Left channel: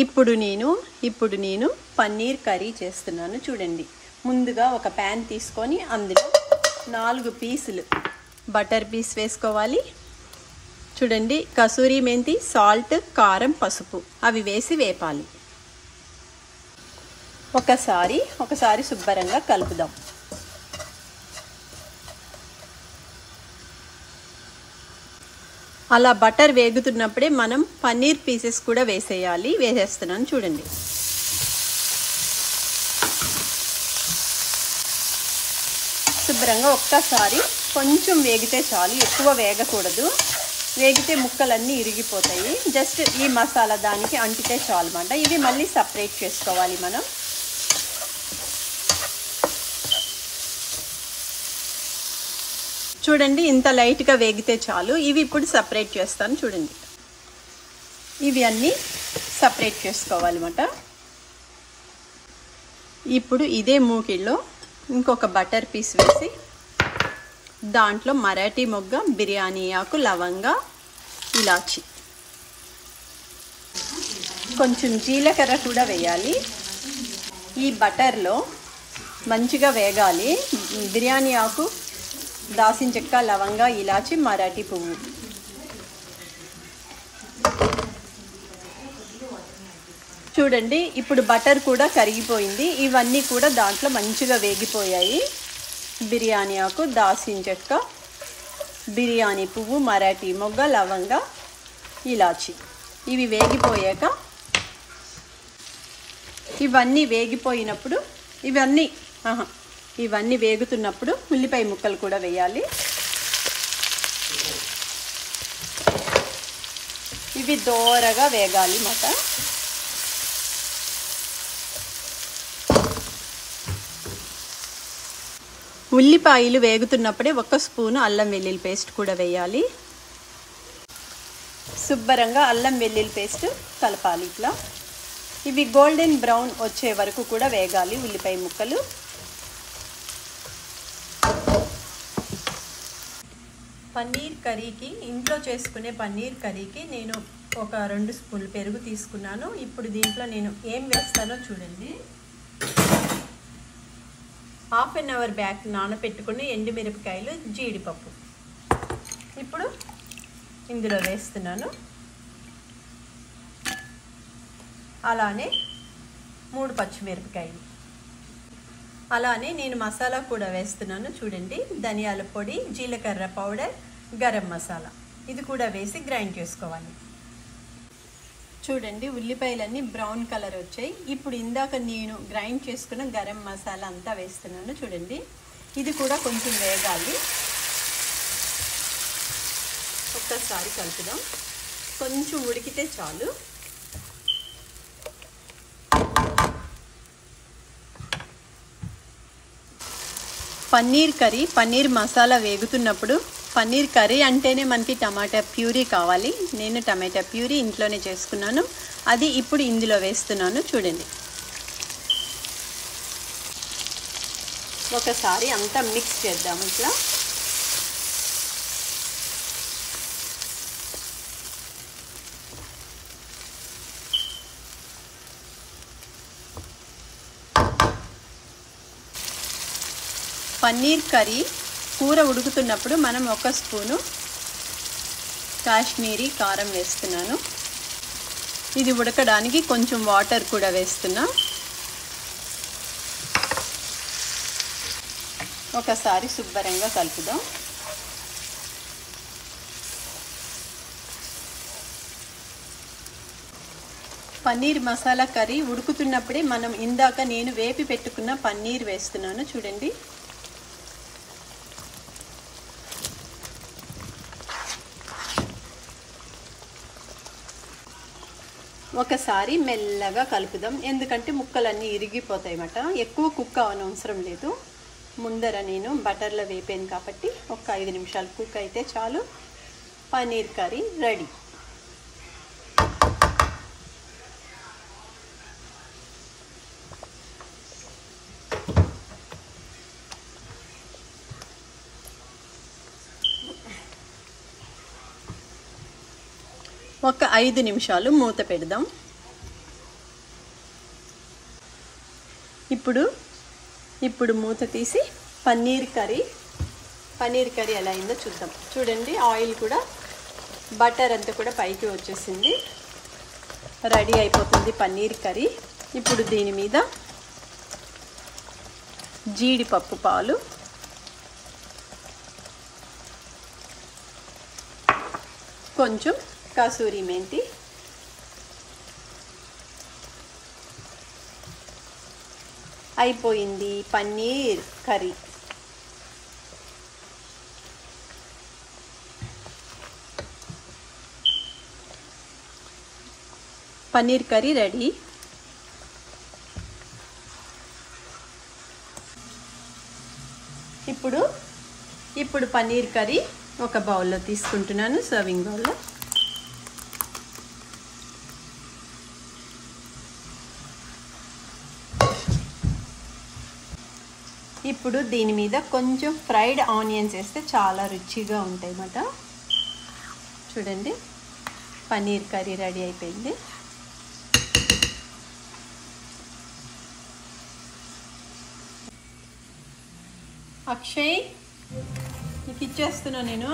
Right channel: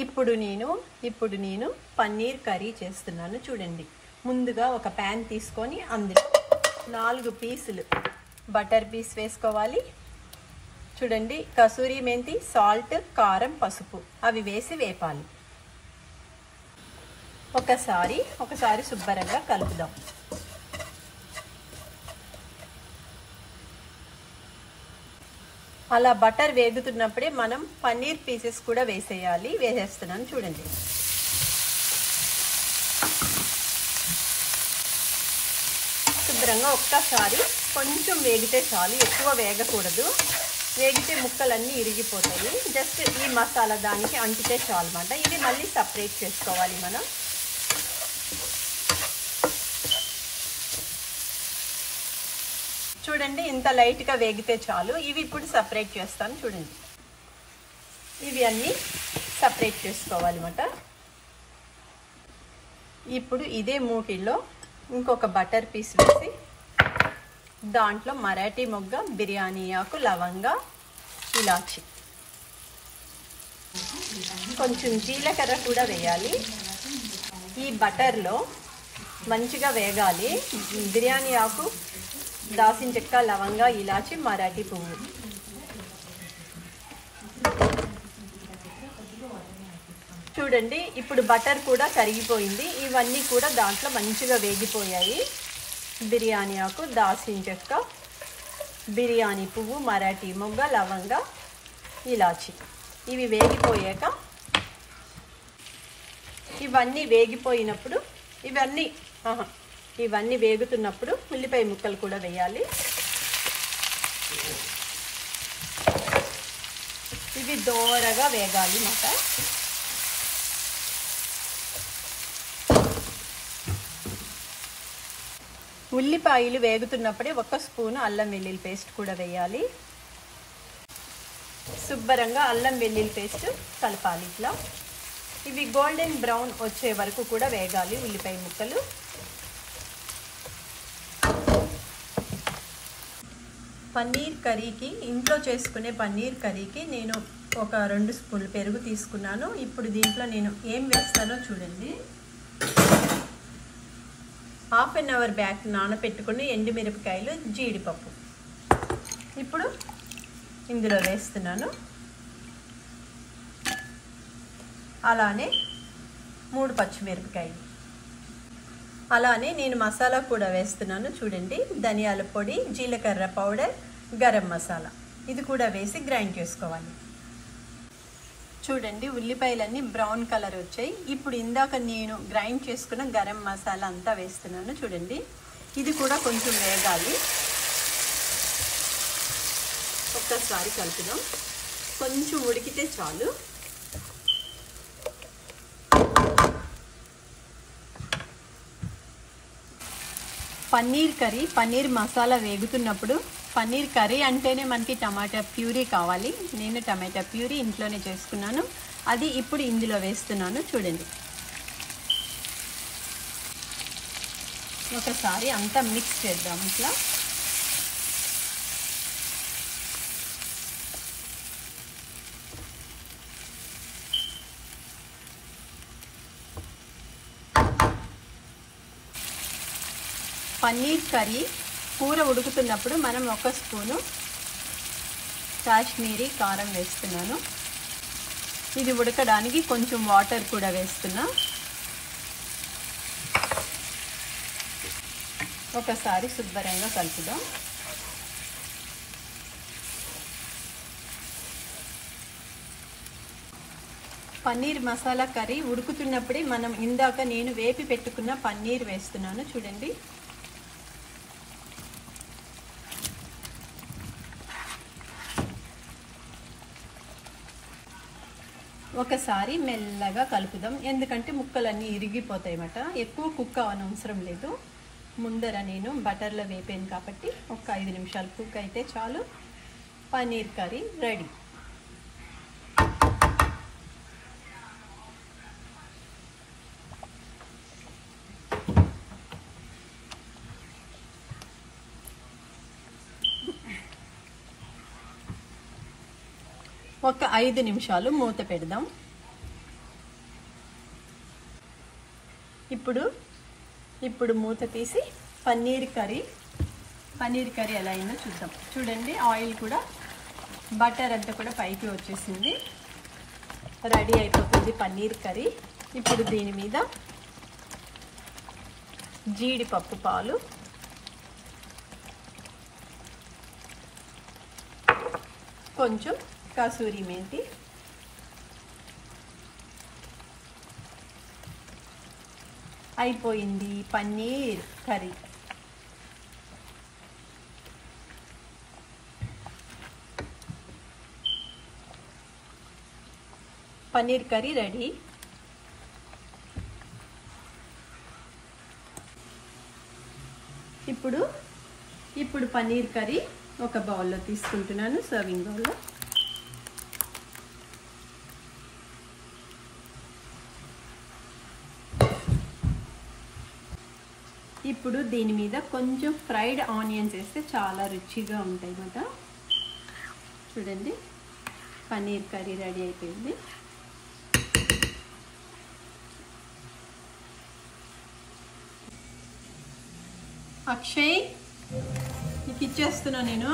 ఇప్పుడు నేను పన్నీర్ కర్రీ చేస్తున్నాను చూడండి. ముందుగా ఒక ప్యాన్ తీసుకొని అందులో 4 పీసులు బటర్ పీస్ వేసుకోవాలి. చూడండి, కసూరి మెంతి, సాల్ట్, కారం, పసుపు అవి వేసి వేపాలి. ఒకసారి శుభ్రంగా కలుపుదాం. అలా బటర్ వేగుతున్నప్పుడే మనం పన్నీర్ పీసెస్ కూడా వేసేస్తున్నాను చూడండి. శుభ్రంగా ఒక్కసారి కొంచెం వేగితే చాలు, ఎక్కువ వేగకూడదు. వేగితే ముక్కలన్నీ ఇరిగిపోతాయి. జస్ట్ ఈ మసాలా దానికి అంటితే చాలు అన్నమాట. ఇవి మళ్ళీ సపరేట్ చేసుకోవాలి మనం. చూడండి, ఇంత లైట్గా వేగితే చాలు. ఇవి ఇప్పుడు సపరేట్ చేస్తాను చూడండి. ఇవి అన్నీ సపరేట్ చేసుకోవాలన్నమాట. ఇప్పుడు ఇదే మూకిల్లో ఇంకొక బటర్ పీస్ వేసి దాంట్లో మరాఠీ మొగ్గ, బిర్యానీ ఆకు, లవంగా, ఇలాచి, కొంచెం జీలకర్ర కూడా వేయాలి. ఈ బటర్లో మంచిగా వేగాలి. బిర్యానీ ఆకు, దాల్చిన చెక్క, లవంగా, ఇలాచి, మరాఠీ పువ్వు. చూడండి, ఇప్పుడు బటర్ కూడా కరిగిపోయింది. ఇవన్నీ కూడా దాంట్లో మంచిగా వేగిపోయాయి. బిర్యానీ ఆకు, దాల్చిన చెక్క, బిర్యానీ పువ్వు, మరాఠీ మొగ్గ, లవంగా, ఇలాచి ఇవి వేగిపోయాక ఇవన్నీ వేగిపోయినప్పుడు ఇవన్నీ వేగుతున్నప్పుడు ఉల్లిపాయ ముక్కలు కూడా వేయాలి. ఇవి దోరగా వేగాలి మాట. ఉల్లిపాయలు వేగుతున్నప్పుడే 1 స్పూను అల్లం వెల్లుల్లి పేస్ట్ కూడా వేయాలి. శుభ్రంగా అల్లం వెల్లుల్లి పేస్ట్ కలపాలి ఇట్లా. ఇవి గోల్డెన్ బ్రౌన్ వచ్చే వరకు కూడా వేగాలి ఉల్లిపాయ ముక్కలు. పన్నీర్ కర్రీకి, ఇంట్లో చేసుకునే పన్నీర్ కర్రీకి నేను ఒక 2 స్పూన్లు పెరుగు తీసుకున్నాను. ఇప్పుడు దీంట్లో నేను ఏం వేస్తానో చూడండి. హాఫ్ అన్ అవర్ బ్యాక్ నానబెట్టుకుని ఎండుమిరపకాయలు, జీడిపప్పు ఇప్పుడు ఇందులో వేస్తున్నాను. అలానే 3 పచ్చిమిరపకాయలు. అలానే నేను మసాలా కూడా వేస్తున్నాను చూడండి. ధనియాల పొడి, జీలకర్ర పౌడర్, గరం మసాలా ఇది కూడా వేసి గ్రైండ్ చేసుకోవాలి. చూడండి, ఉల్లిపాయలన్నీ బ్రౌన్ కలర్ వచ్చాయి. ఇప్పుడు ఇందాక నేను గ్రైండ్ చేసుకున్న గరం మసాలా అంతా వేస్తున్నాను చూడండి. ఇది కూడా కొంచెం వేగాలి. ఒక్కసారి కలుపుదాం. కొంచెం ఉడికితే చాలు. పన్నీర్ కర్రీ, పన్నీర్ మసాలా వేగుతున్నప్పుడు, పన్నీర్ కర్రీ అంటేనే మనకి టమాటా ప్యూరీ కావాలి. నేను టమాటా ప్యూరీ ఇంట్లోనే చేసుకున్నాను. అది ఇప్పుడు ఇందులో వేస్తున్నాను చూడండి. ఒకసారి అంతా మిక్స్ చేద్దాం ఇట్లా. పన్నీర్ కర్రీ కూర ఉడుకుతున్నప్పుడు మనం 1 స్పూను కాశ్మీరీ కారం వేస్తున్నాను. ఇది ఉడకడానికి కొంచెం వాటర్ కూడా వేస్తున్నా. ఒకసారి శుభ్రంగా కలుపుదాం. పన్నీర్ మసాలా కర్రీ ఉడుకుతున్నప్పుడే మనం ఇందాక నేను వేపి పెట్టుకున్న పన్నీర్ వేస్తున్నాను చూడండి. ఒకసారి మెల్లగా కలుపుదాం. ఎందుకంటే ముక్కలన్నీ ఇరిగిపోతాయి అన్నమాట. ఎక్కువ కుక్ అవనవసరం లేదు. ముందర నేను బటర్లో వేపాను కాబట్టి ఒక 5 నిమిషాలు కుక్ అయితే చాలు. Paneer curry ready. ఒక 5 నిమిషాలు మూత పెడదాం. ఇప్పుడు మూత తీసి పన్నీర్ కర్రీ ఎలా అయిందో చూద్దాం. చూడండి, ఆయిల్ కూడా బటర్ అంతా కూడా పైకి వచ్చేసింది. రెడీ అయిపోతుంది పన్నీర్ కర్రీ. ఇప్పుడు దీని మీద జీడిపప్పు పాలు, కొంచెం కసూరి మెంతి, అయిపోయింది paneer curry. Paneer curry ready. ఇప్పుడు పన్నీర్ కర్రీ ఒక బౌల్లో తీసుకుంటున్నాను, సర్వింగ్ బౌల్లో. ఇప్పుడు దీని మీద కొంచెం ఫ్రైడ్ ఆనియన్స్ వేస్తే చాలా రుచిగా ఉంటాయి అన్నమాట. చూడండి, పన్నీర్ కర్రీ రెడీ అయిపోయింది. అక్షయ్, నీకు ఇచ్చేస్తున్నా నేను.